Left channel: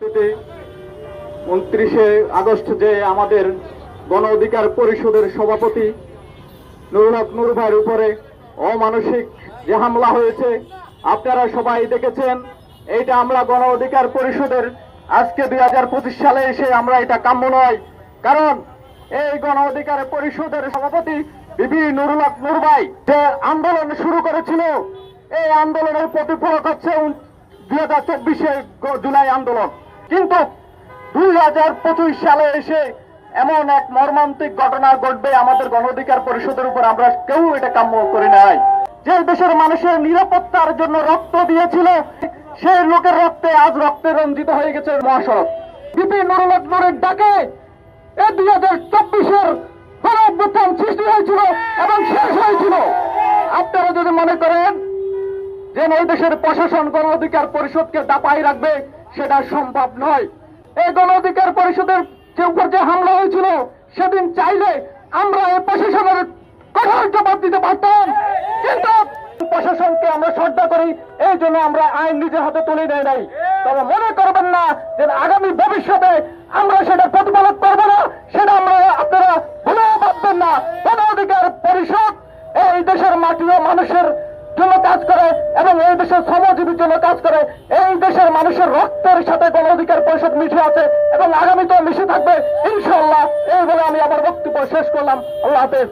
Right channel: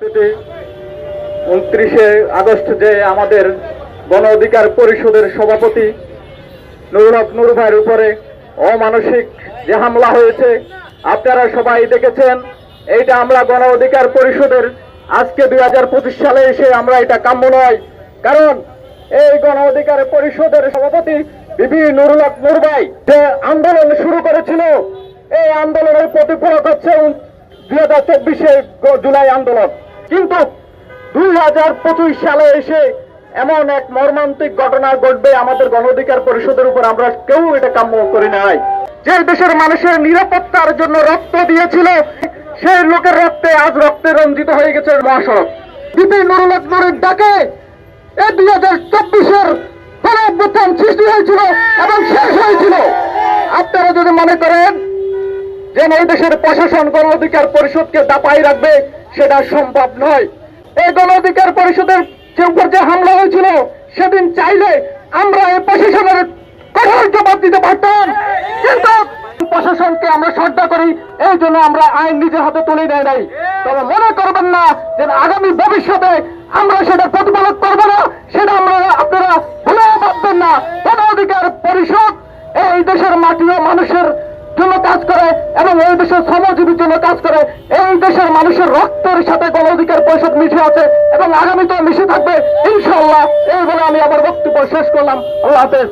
29 August যে আমাদের গণ অধিকার পরিষদের সভাপতি নুরুল হক নুর ভাইয়ের উপরে অমানসিক যে হামলা হয়েছে আপনারা সবাই দেখেছেন। এইটা আমরা গণ অধিকার পরিষদের আজকে 2025 সালে এসে আমরা এটা কাম্য নয়, কারণ এই গণ অধিকার পরিষদের সভাপতি বিবি নুরুল হক নুর ভাই যে আন্দোলন শুরু করেছিল, এই আন্দোলনের প্রতিফলক হচ্ছে 2024 জুলাই আন্দোলন। কিন্তু 2025 সালে এসে এমন এক মর্মান্তিক ঘটনা ঘটবে আমাদের গণ অধিকার পরিষদের উপর আমরা কেউ এটা কাম্য করি নাই। যে দেশের মানুষের নিরাপত্তার জন্য রক্ত দিয়েছিল, সেই লোকের রক্তে আজ রক্তে রঞ্জিত হয়ে গেছে মহাসড়ক। বিপি নুরুল হক নুরের ডাকে এই 2024 গণঅভ্যুত্থান সৃষ্টি হয়েছিল এবং শেষ হয়েছিল। আপনারা যদি মনে করেন যে এই দেশের প্রশাসন গণ অধিকার পরিষদকে দাপাই রাখবে, সেটা সম্ভব নয়। এই গণ অধিকার পরিষদের উপর যে হামলা হয়েছিল, সেদিন চাইলে আমরা এই প্রশাসনের কঠোর জবাব দিতে পারতাম, কিন্তু প্রশাসনকে আমরা শ্রদ্ধা করি, এই জন্য আমরা আইন নিজের হাতে তুলে নেয় নাই। তবে মনে করবেন না যে আগামী ভবিষ্যতে আমরা সেটা প্রতিপালন করবো না, সেটা আপনারা ভুলেও ভাববেন না। গণ অধিকার পরিষদ এই দেশের মাটি ও মানুষের জন্য কাজ করে এবং এই দেশের শ্রমজীবীর জন্য কাজ করে। এই দেশের মানুষের রক্তের সাথে গণ অধিকার পরিষদ মিশে আছে এবং আগামীতেও মিশে থাকবে ইনশাআল্লাহ। এই বলে আমি আমার বক্তব্য শেষ করলাম। আল্লাহ হাফেজ।